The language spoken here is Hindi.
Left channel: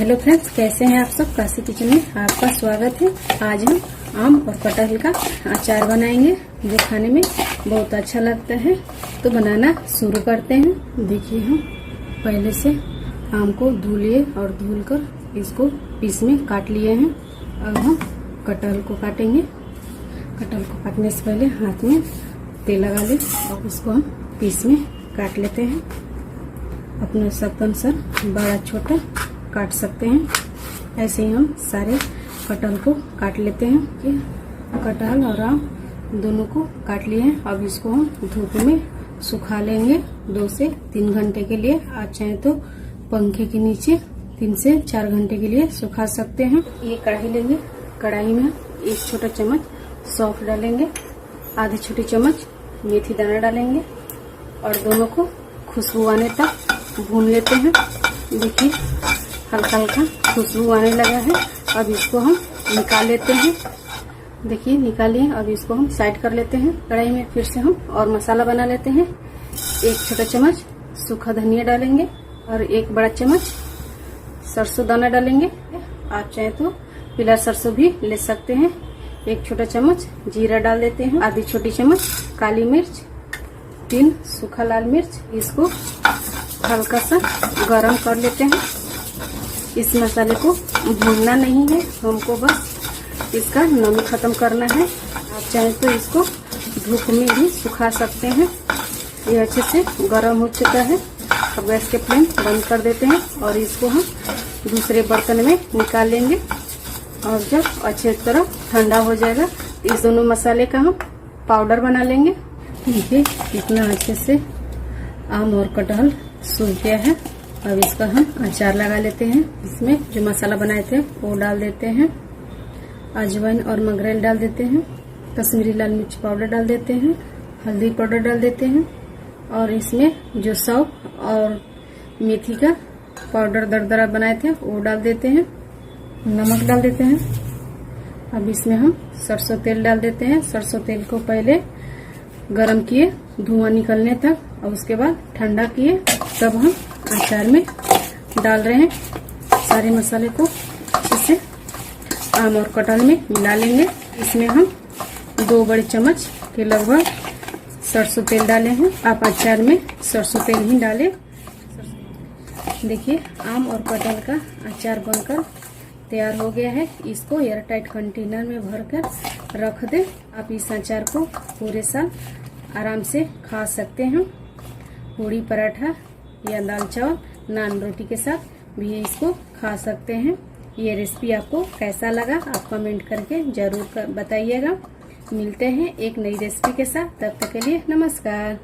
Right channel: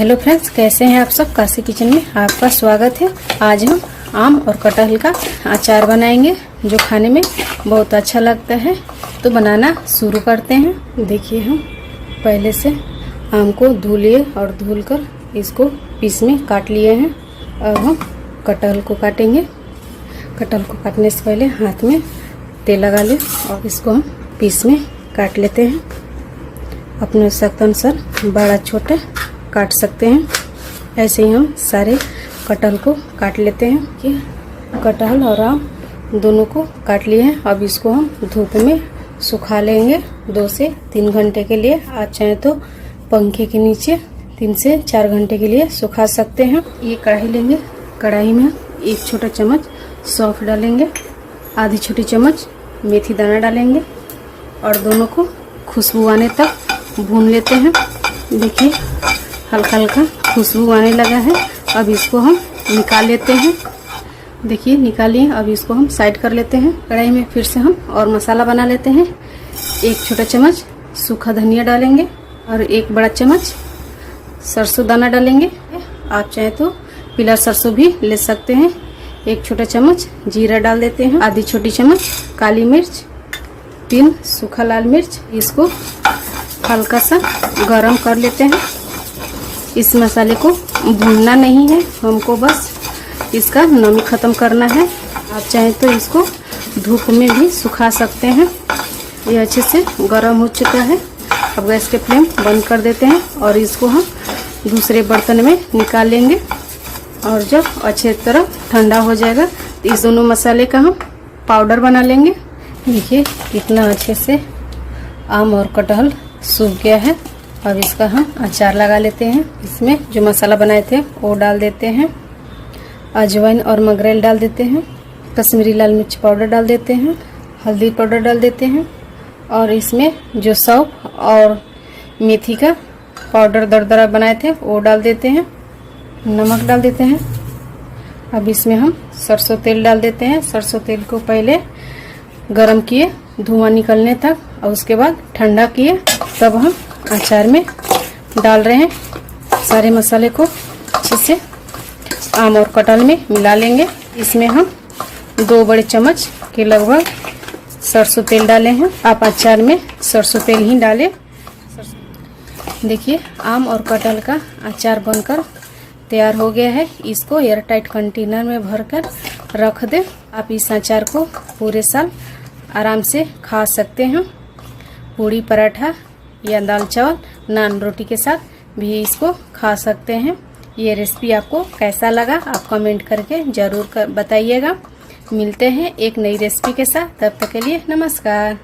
हेलो फ्रेंड्स, कैसे हैं आप सब। काशी किचन में आपका स्वागत है। आज हम आम और कटहल का अचार बनाएंगे जो खाने में बहुत अच्छा लगता है। तो बनाना शुरू करते हैं। देखिए, हम पहले से आम को धो लिए और धुलकर इसको पीस में काट लिए हैं। अब हम कटहल को काटेंगे। कटहल को काटने से पहले हाथ में तेल लगा लें और इसको हम पीस में काट लेते हैं। अपने आवश्यकता अनुसार बड़ा छोटा काट सकते हैं। ऐसे ही हम सारे कटहल को काट लेते हैं। कि कटहल और आम दोनों को काट लिए हैं। अब इसको हम धूप में सुखा लेंगे 2 से 3 घंटे के लिए। आप चाहे तो पंखे के नीचे 3 से 4 घंटे के लिए सुखा सकते हैं। ये कढ़ाई लेंगे। कढ़ाई में 1 छोटा चम्मच सौंफ डालेंगे, आधी छोटी चम्मच मेथी दाना डालेंगे और दोनों को खुशबू आने तक भून लेते हैं। देखिए, हल्का हल्का खुशबू आने लगा है। अब इसको हम निकाल लेते हैं। देखिए, निकालिए। अब इसको हम साइड कर लेते हैं। कढ़ाई में फिर से हम और मसाला बना लेते हैं। 1 छोटा चम्मच सूखा धनिया डालेंगे और 1 बड़ा चम्मच सरसों दाना डालेंगे। आप चाहे तो पीला सरसों भी ले सकते हैं। 1 छोटा चम्मच जीरा डाल देते हैं। आधी छोटी चम्मच काली मिर्च, 3 सूखा लाल मिर्च। इसको हल्का सा गरम कर लेते हैं। इस मसाले को भूनना नहीं है, हमको बस इसका नमी खत्म करना है। आप चाहें तो इसको धूप में भी सुखा सकते हैं। ये अच्छे से गरम हो चुका है। अब गैस के फ्लेम बंद कर देते हैं और इसको हम दूसरे बर्तन में निकाल लेंगे। और जब अच्छे तरह ठंडा हो जाएगा तो इस दोनों मसाले का हम पाउडर बना लेंगे। देखिए, कितना अच्छे से आम और कटहल सूख गया है। अब इसका हम अचार लगा लेते हैं। इसमें जो मसाला बनाए थे वो डाल देते हैं। अजवाइन और मगरेल डाल देते हैं। कश्मीरी लाल मिर्च पाउडर डाल देते हैं। हल्दी पाउडर डाल देते हैं और इसमें जो सौंफ और मेथी का पाउडर दरदरा बनाए थे वो डाल देते हैं। नमक डाल देते हैं। अब इसमें हम सरसों तेल डाल देते हैं। सरसों तेल को पहले गरम किए धुआं निकलने तक और उसके बाद ठंडा किए, तब हम अचार में डाल रहे हैं। सारे मसाले को अच्छे से आम और कटहल में मिला लेंगे। इसमें हम 2 बड़े चम्मच के लगभग सरसों तेल डाले हैं। आप अचार में सरसों तेल ही डालें। देखिए, आम और कटहल का अचार बनकर तैयार हो गया है। इसको एयर टाइट कंटेनर में भरकर रख दें। आप इस अचार को पूरे साल आराम से खा सकते हैं। पूड़ी पराठा या दाल चावल नान रोटी के साथ भी इसको खा सकते हैं। ये रेसिपी आपको कैसा लगा आप कमेंट करके ज़रूर बताइएगा। मिलते हैं एक नई रेसिपी के साथ। तब तक के लिए नमस्कार।